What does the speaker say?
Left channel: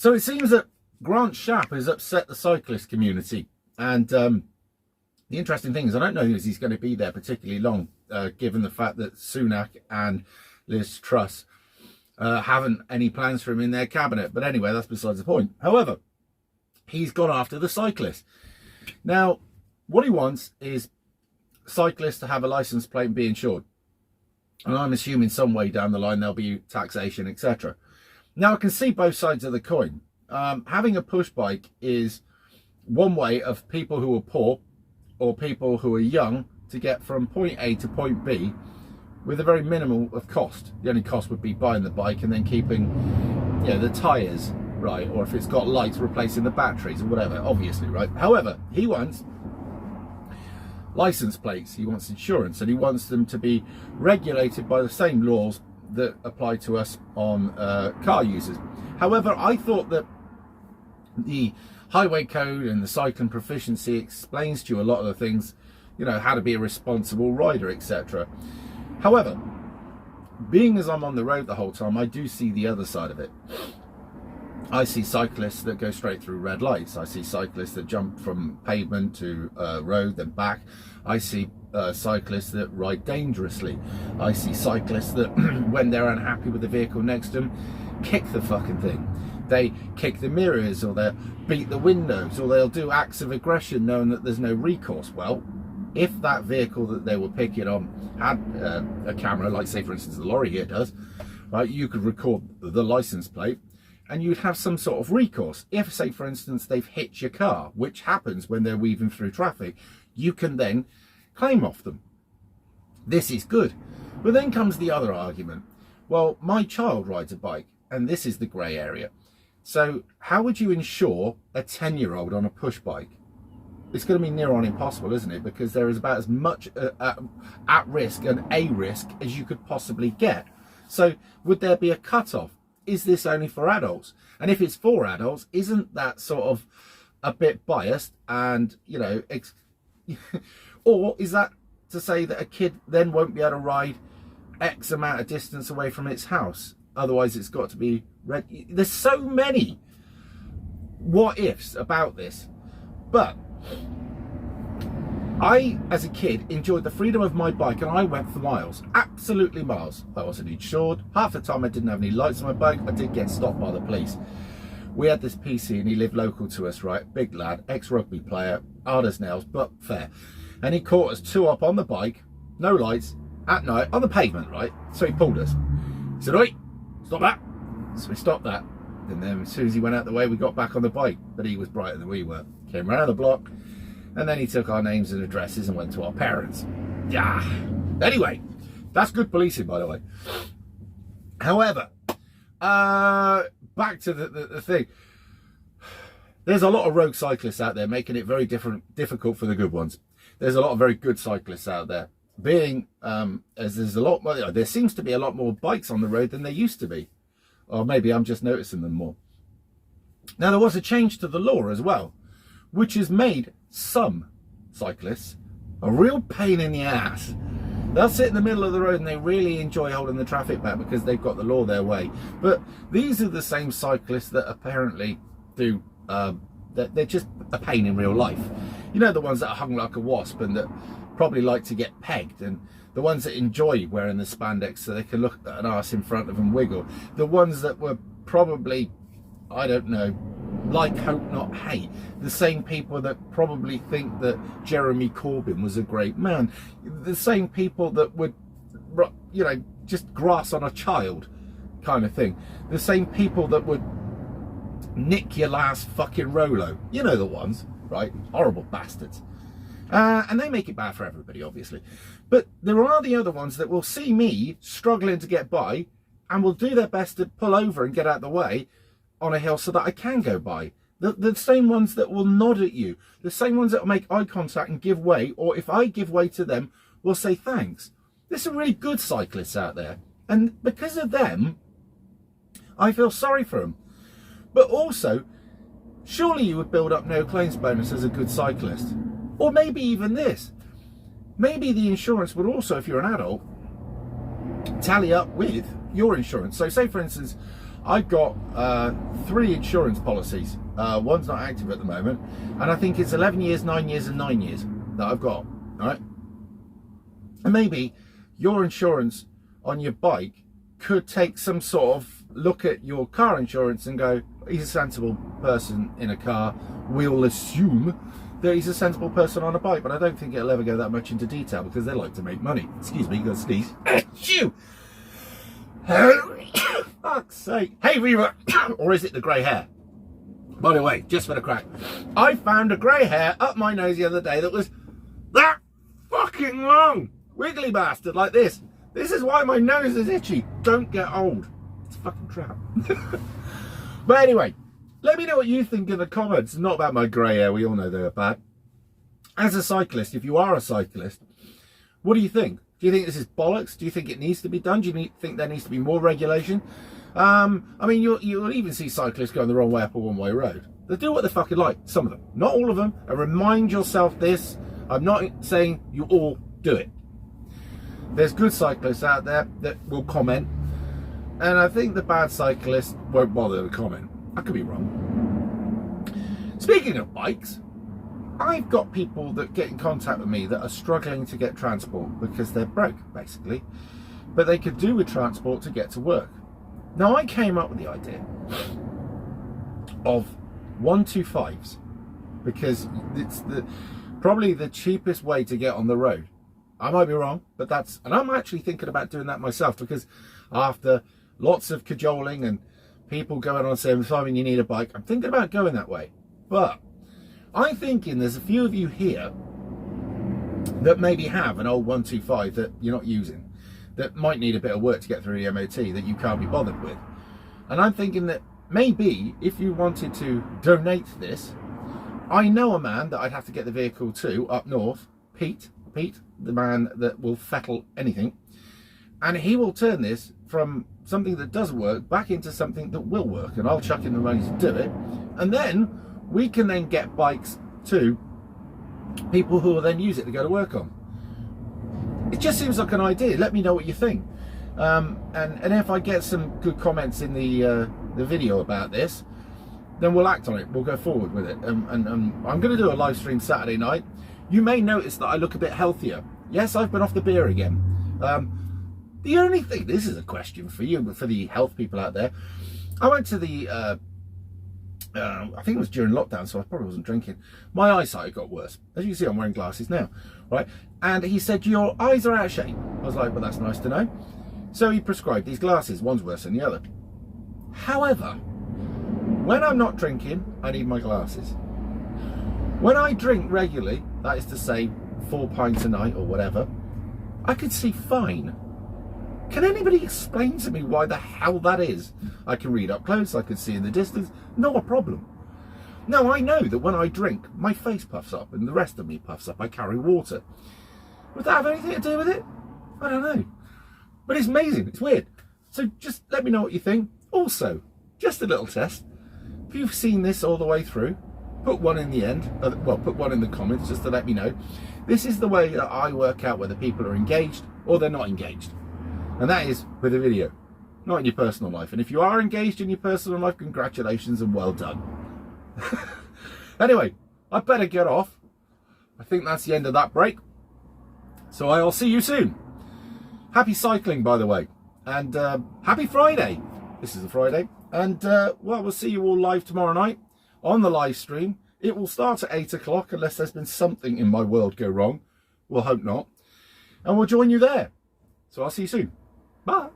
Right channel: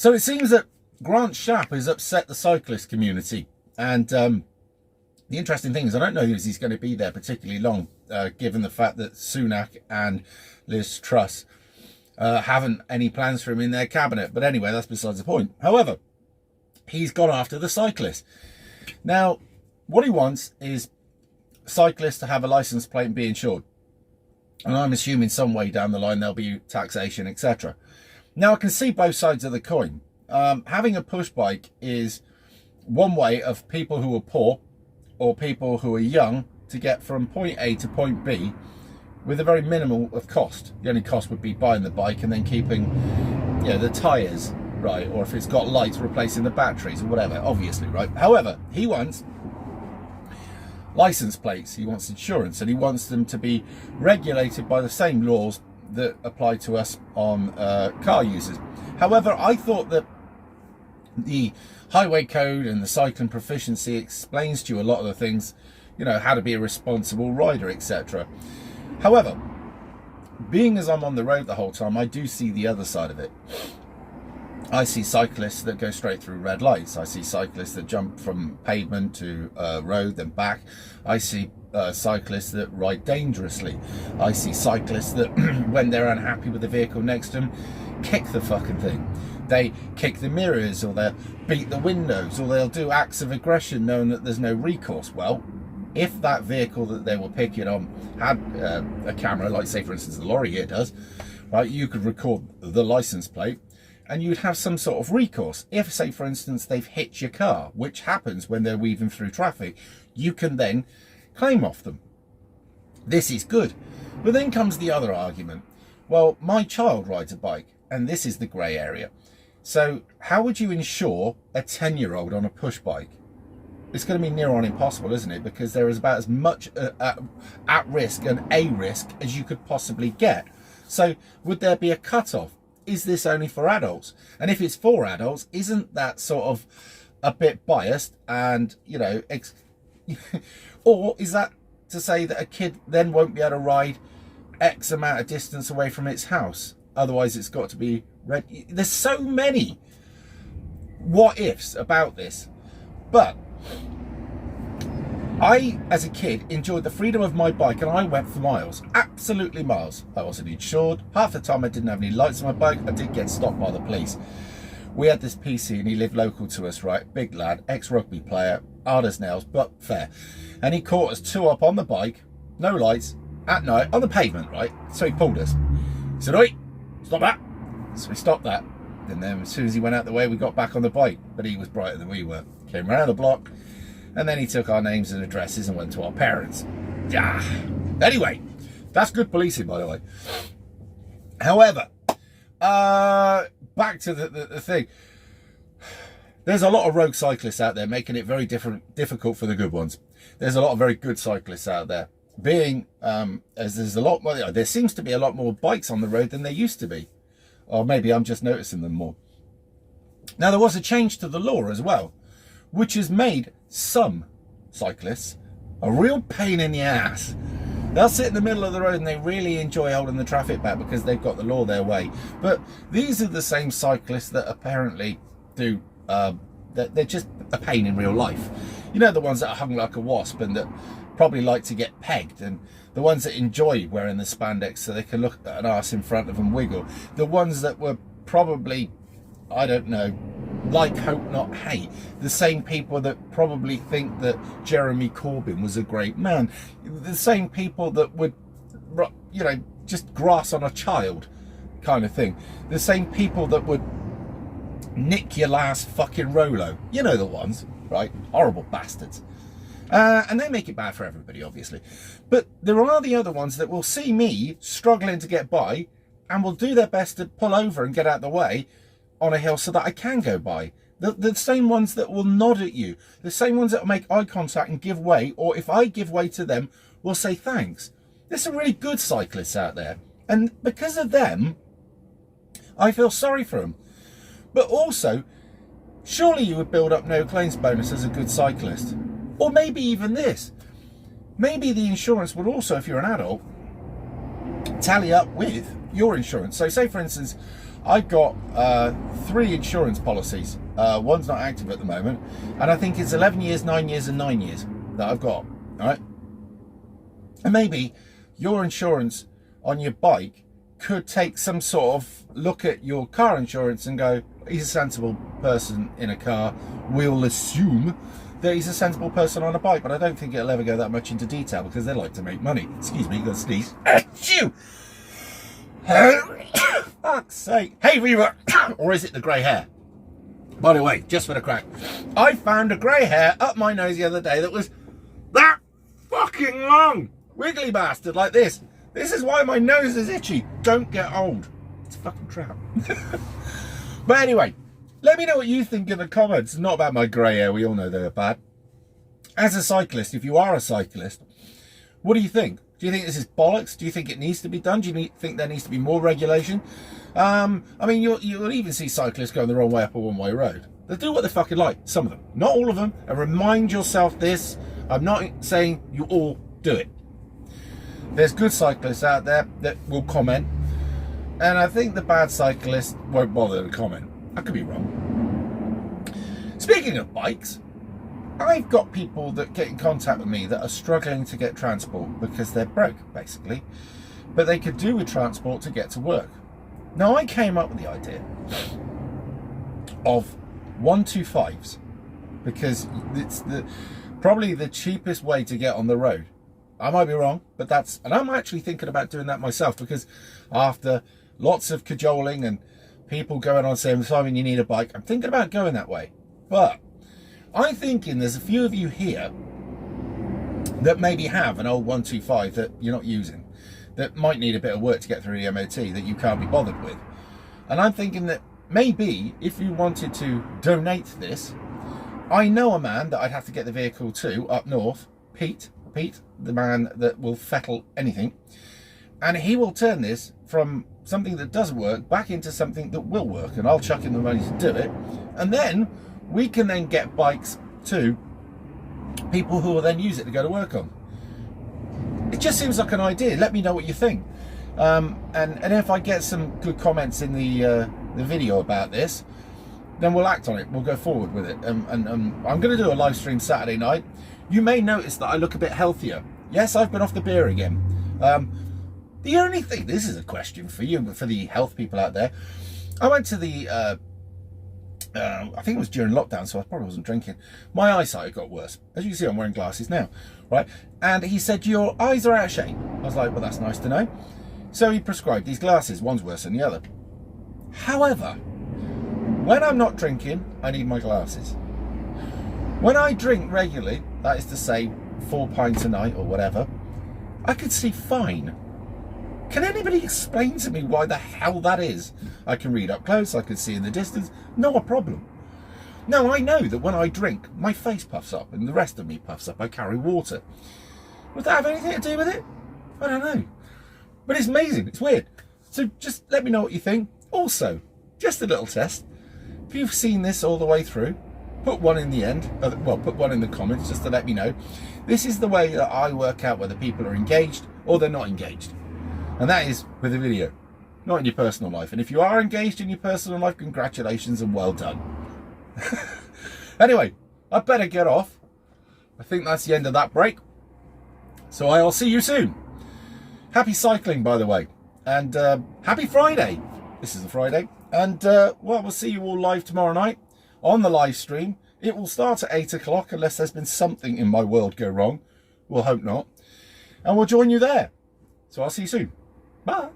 So it seems that Grant Shapp has upset the cyclist community. And the interesting thing is, I don't know if he's going to be there particularly long, given the fact that Sunak and Liz Truss haven't any plans for him in their cabinet. But anyway, that's besides the point. However, he's gone after the cyclists. Now, what he wants is cyclists to have a license plate and be insured. And I'm assuming some way down the line there'll be taxation, etc. Now, I can see both sides of the coin. Having a push bike is one way of people who are poor or people who are young to get from point A to point B with a very minimal of cost. The only cost would be buying the bike and then keeping, you know, the tyres right, or if it's got lights, replacing the batteries or whatever, obviously, right? However, he wants license plates, he wants insurance, and he wants them to be regulated by the same laws that apply to us on car users. However, I thought that the highway code and the cycling proficiency explains to you a lot of the things, you know, how to be a responsible rider, etc. However, being as I'm on the road the whole time, I do see the other side of it. I see cyclists that go straight through red lights. I see cyclists that jump from pavement to road, then back. I see cyclists that ride dangerously. I see cyclists that, when they're unhappy with the vehicle next to them, kick the fucking thing. They kick the mirrors, or they'll beat the windows, or they'll do acts of aggression knowing that there's no recourse. Well, if that vehicle that they were picking on had a camera, like say for instance the lorry here does, right, you could record the license plate and you'd have some sort of recourse. If, say for instance, they've hit your car, which happens when they're weaving through traffic, you can then claim off them. This is good. But then comes the other argument. Well, my child rides a bike, and this is the grey area. So how would you insure a 10-year-old on a push bike? It's going to be near on impossible, isn't it? Because there is about as much at risk and a risk as you could possibly get. So would there be a cut-off? Is this only for adults? And if it's for adults, isn't that sort of a bit biased? And, you know, or is that to say that a kid then won't be able to ride X amount of distance away from its house? Otherwise, it's got to be red. There's so many what ifs about this. But I, as a kid, enjoyed the freedom of my bike, and I went for miles, absolutely miles. I wasn't insured. Half the time I didn't have any lights on my bike. I did get stopped by the police. We had this PC, and he lived local to us, right? Big lad, ex-rugby player, hard as nails, but fair. And he caught us two up on the bike, no lights, at night, on the pavement, right? So he pulled us. He said, "Oi, stop that." So we stopped that. And then as soon as he went out the way, we got back on the bike. But he was brighter than we were. Came around the block. And then he took our names and addresses and went to our parents. Yeah. Anyway, that's good policing, by the way. However, back to the thing. There's a lot of rogue cyclists out there making it very difficult for the good ones. There's a lot of very good cyclists out there. Being, as there's a lot more, there seems to be a lot more bikes on the road than there used to be. Or maybe I'm just noticing them more. Now, there was a change to the law as well, which has made some cyclists a real pain in the ass. They'll sit in the middle of the road and they really enjoy holding the traffic back because they've got the law their way. But these are the same cyclists that apparently do, they're just a pain in real life. You know, the ones that are hung like a wasp and that probably like to get pegged, and the ones that enjoy wearing the spandex so they can look at an arse in front of them wiggle. The ones that were probably, I don't know, like hope not hate. The same people that probably think that Jeremy Corbyn was a great man. The same people that would, you know, just grass on a child kind of thing. The same people that would nick your last fucking Rolo. You know the ones, right? Horrible bastards. And they make it bad for everybody, obviously. But there are the other ones that will see me struggling to get by and will do their best to pull over and get out of the way on a hill so that I can go by. The same ones that will nod at you. The same ones that will make eye contact and give way, or if I give way to them, will say thanks. There's some really good cyclists out there. And because of them, I feel sorry for them. But also, surely you would build up no claims bonus as a good cyclist. Or maybe even this. Maybe the insurance would also, if you're an adult, tally up with your insurance. So say, for instance, I've got 3 insurance policies. One's not active at the moment, and I think it's 11 years, 9 years, and 9 years that I've got. All right, and maybe your insurance on your bike could take some sort of look at your car insurance and go, he's a sensible person in a car. We'll assume that he's a sensible person on a bike, but I don't think it'll ever go that much into detail because they like to make money. Excuse me, go sneeze. Achoo! Fuck's sake. Hey, Reva! Or is it the grey hair? By the way, just for the crack, I found a grey hair up my nose the other day that was that fucking long. Wiggly bastard like this. This is why my nose is itchy. Don't get old. It's a fucking trap. But anyway, let me know what you think in the comments. Not about my grey hair. We all know they are bad. As a cyclist, if you are a cyclist, what do you think? Do you think this is bollocks? Do you think it needs to be done? Do you think there needs to be more regulation? I mean, you'll even see cyclists going the wrong way up a one-way road. They do what they fucking like. Some of them. Not all of them. And remind yourself this. I'm not saying you all do it. There's good cyclists out there that will comment. And I think the bad cyclists won't bother to comment. I could be wrong. Speaking of bikes, I've got people that get in contact with me that are struggling to get transport because they're broke, basically. But they could do with transport to get to work. Now, I came up with the idea of 125s because it's probably the cheapest way to get on the road. I might be wrong, but and I'm actually thinking about doing that myself because after lots of cajoling and people going on saying, Simon, you need a bike, I'm thinking about going that way. But I'm thinking there's a few of you here that maybe have an old 125 that you're not using, that might need a bit of work to get through the MOT that you can't be bothered with. And I'm thinking that maybe if you wanted to donate this, I know a man that I'd have to get the vehicle to up north, Pete, the man that will fettle anything, and he will turn this from something that doesn't work back into something that will work, and I'll chuck in the money to do it, and then we can then get bikes to people who will then use it to go to work on. It just seems like an idea. Let me know what you think, and if I get some good comments in the video about this, then we'll act on it. We'll go forward with it. And I'm going to do a live stream Saturday night. You may notice that I look a bit healthier. Yes, I've been off the beer again. The only thing, this is a question for you, but for the health people out there, I went to the, I think it was during lockdown, so I probably wasn't drinking. My eyesight got worse. As you can see, I'm wearing glasses now, right? And he said, your eyes are out of shape. I was like, well, that's nice to know. So he prescribed these glasses. One's worse than the other. However, when I'm not drinking, I need my glasses. When I drink regularly, that is to say 4 pints a night or whatever, I could see fine. Can anybody explain to me why the hell that is? I can read up close, I can see in the distance, not a problem. Now, I know that when I drink, my face puffs up and the rest of me puffs up. I carry water. Would that have anything to do with it? I don't know. But it's amazing, it's weird. So just let me know what you think. Also, just a little test. If you've seen this all the way through, put one in the end, well, put one in the comments just to let me know. This is the way that I work out whether people are engaged or they're not engaged. And that is with a video, not in your personal life. And if you are engaged in your personal life, congratulations and well done. Anyway, I better get off. I think that's the end of that break. So I'll see you soon. Happy cycling, by the way. And happy Friday. This is a Friday. And well, we'll see you all live tomorrow night on the live stream. It will start at 8 o'clock unless there's been something in my world go wrong. We'll hope not. And we'll join you there. So I'll see you soon. Bye.